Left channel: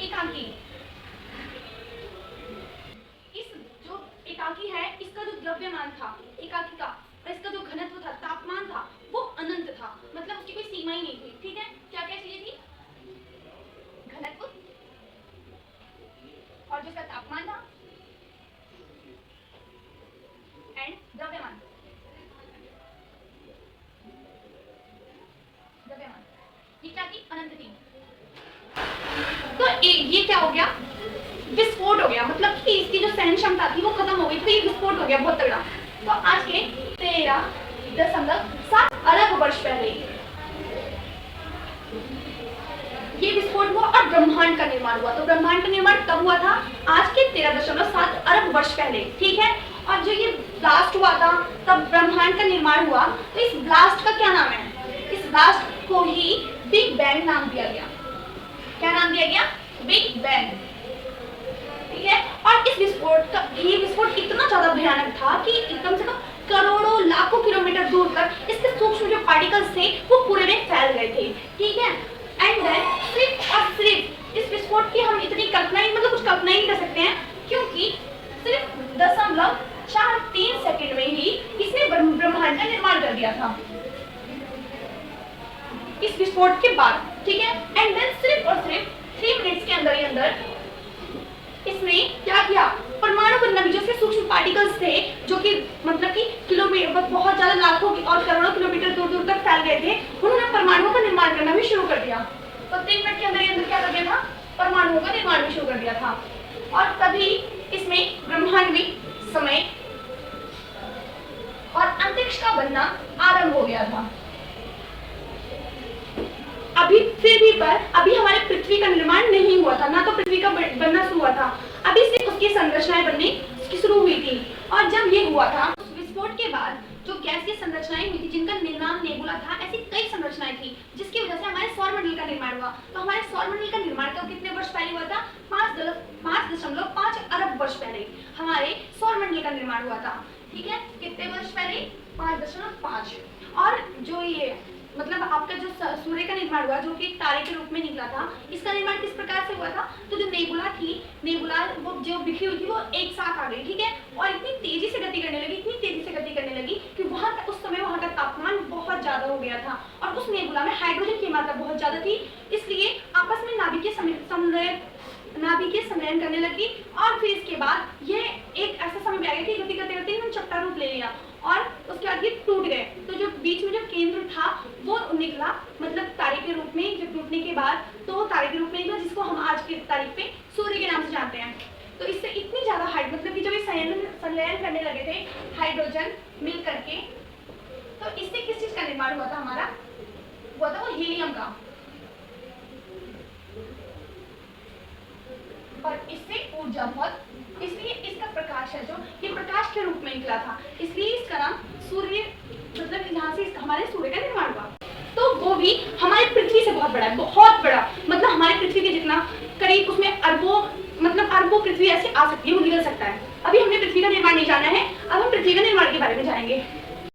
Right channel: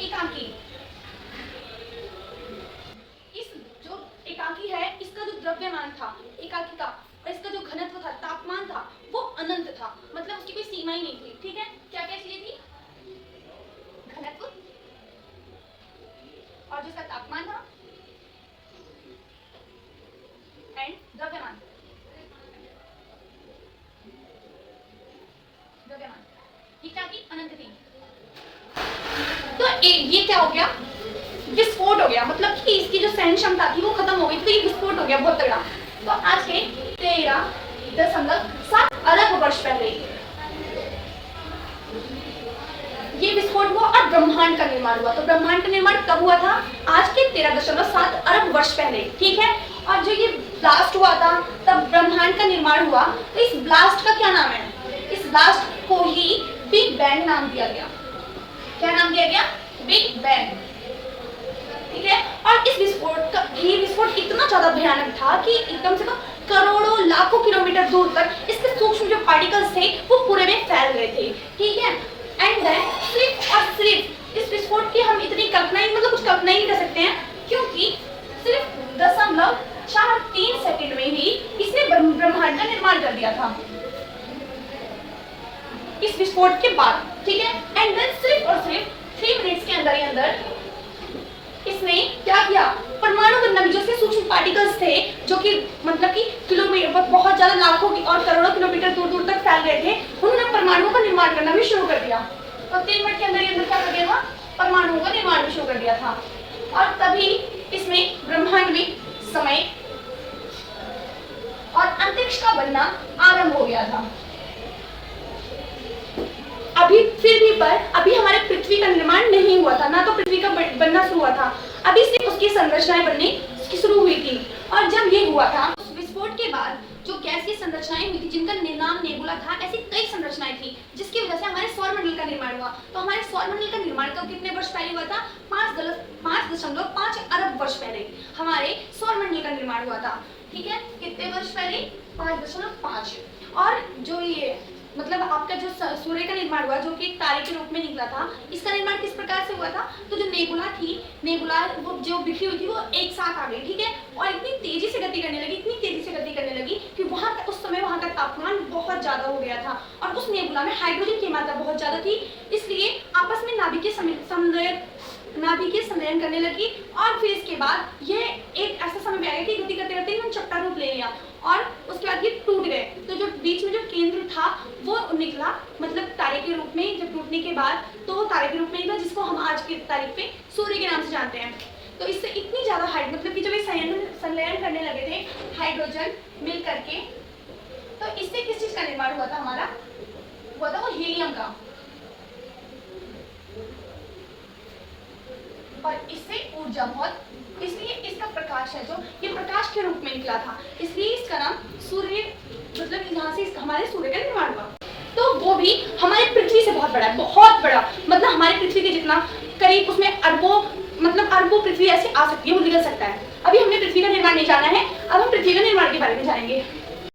एकांकी। इस जो एकांकी है इसका जो द्रव्यमान था एकांकी का और इसका जो घनत्व था तापमान था वो अनंत था, मतलब उसकी कोई सीमा ही नहीं थी। ठीक है, क्या क्या चीजें थी? घनत्व और जिसका तापमान था एंड द्रव्यमान। ये क्या थी? अनंत थी। तो ये क्या हो गया? विस्फोट हो गया, मतलब कि इसकी जो सहन क्षमता थी वो खत्म हो गई, तो ये विस्फोट हो गया बहुत तगड़ा। तो आज के 13.7 अरब वर्ष पहले ये विस्फोट हुआ और ब्रह्मांड का निर्माण हुआ। तो ब्रह्मांड का निर्माण कब हुआ था? आज के 13.7 अरब वर्ष पहले। ठीक है, और जो ये ब्लास्ट हुआ था तब ब्रह्मांड का निर्माण हुआ। तो इस ब्लास्ट का क्या नाम है? इस ब्लास्ट को ही बिग बैंग नाम दिया गया। क्या नाम दिया गया? Big bang. ठीक है, और इस विस्फोट का ये विस्फोट इतना ज्यादा भयानक था कि एकदम से करोड़ों लाखों किलोमीटर दूर तक इसके सूक्ष्म जो पार्टिकल्स थे वो पूरे में फैल गए थे। ठीक है, एंड देन सिर्फ और सिर्फ इस विस्फोट की हम इतनी कल्पना ही कुछ कल्पना ही नहीं कर सकते हैं, क्योंकि सिर्फ 0.43 सेकंड में ही इसने ब्रह्मांड का निर्माण कर दिया था इस विस्फोट के बाद। ठीक है, एंड देन सिर्फ और सिर्फ 3 मिनट्स के अंदर ही अंदर इसने क्या किया? परमाणु बनना, जो से सूक्ष्म पार्टिकल्स थे जो कि मतलब कि किलोमीटर बहुत ज्यादा लाखों और करोड़ों किलोमीटर दूर दूर तक फैल गए थे, उन्होंने परमाणुओं का निर्माण करना भी शुरू कर दिया। तो 3 मिनट के अंदर ही क्या कर दिया था? परमाणुओं का निर्माण भी शुरू कर दिया था। और तभी इसमें ब्रह्मांड भी समय और अंतरिक्ष का बनना आरंभ हो गया था। अभी फिर भी पर अभी हमारे पृथ्वी का निर्माण नहीं हुआ था, ना तो पृथ्वी का बनना शुरू हुआ था, अभी सिर्फ उसकी संरचनाएं बननी शुरू हुई थी। और जब ये हुआ था विस्फोट के बाद जो गैस की संरचनाएं हुई थी जिनका नाम नेबुला था, ऐसी कई संरचनाएं थी जिसकी वजह से हमारे सौरमंडल का निर्माण हुआ। तो हमारे सौरमंडल का निर्माण कब कितने वर्ष पहले हुआ था? 5.5 अरब वर्ष पहले हमारे सौरमंडल का निर्माण हुआ था। ठीक है, कितने वर्ष पहले? 5.5। और जो ये मतलब आपका जो सूर्य का निर्माण हुआ जो कि एक तारे के रूप में निकला था, इसका निर्माण किस प्रकार से हुआ था? तो जो नेबुला थी, नेबुला वो जो बिखरी हुई थी वो एक साथ आ गई। ठीक है, और इतनी तेजी से गति करने लगी, इतनी तेजी से गति करने लगी कि उस समय वहां का तापमान बहुत ज्यादा हो गया था और उस नेबुला में हाइड्रोजन की मात्रा बहुत ज्यादा थी, इसलिए आपस में नाभिकीय सम्मेलन करने लगी। और फिर इसके बाद ये एक ऐसा समय में आ गया कि गति करते करते इन्होंने चपटा रूप ले लिया और उसके बाद ये टूट गए। तो जो बीच में जो केंद्र था वो निकला, मतलब तारे के रूप में जब टूटने के बाद तो तारे के रूप में निकला, जिसको हम आज की तारीख पे सूर्य के नाम से जानते हैं। तो इससे इतनी ज्यादा मतलब कि जब ये संलयन करने लगे थे हाइड्रोजन मिल करके, तो इससे किस चीज का निर्माण हुआ था? हमारा हुआ था वो हीलियम का, और इससे ऊर्जा बहुत, इसलिए इसका प्रकाश है जो ये प्रकाश के रूप में निकला था, इसलिए इसका नाम सूर्य, मतलब यहाँ से हमारे सूर्य का निर्माण हुआ। तो वो भी हमारे पृथ्वी से बहुत बड़ा है, बहुत बड़ा, मतलब हमारे पृथ्वी के जितना, करीब उसमें अरबों पृथ्वी ऐसे आ सकती है, वो निकल सकता है। अभी हमने पृथ्वी का निर्माण नहीं जाना है, अब हम पृथ्वी का निर्माण के बारे में जानेंगे।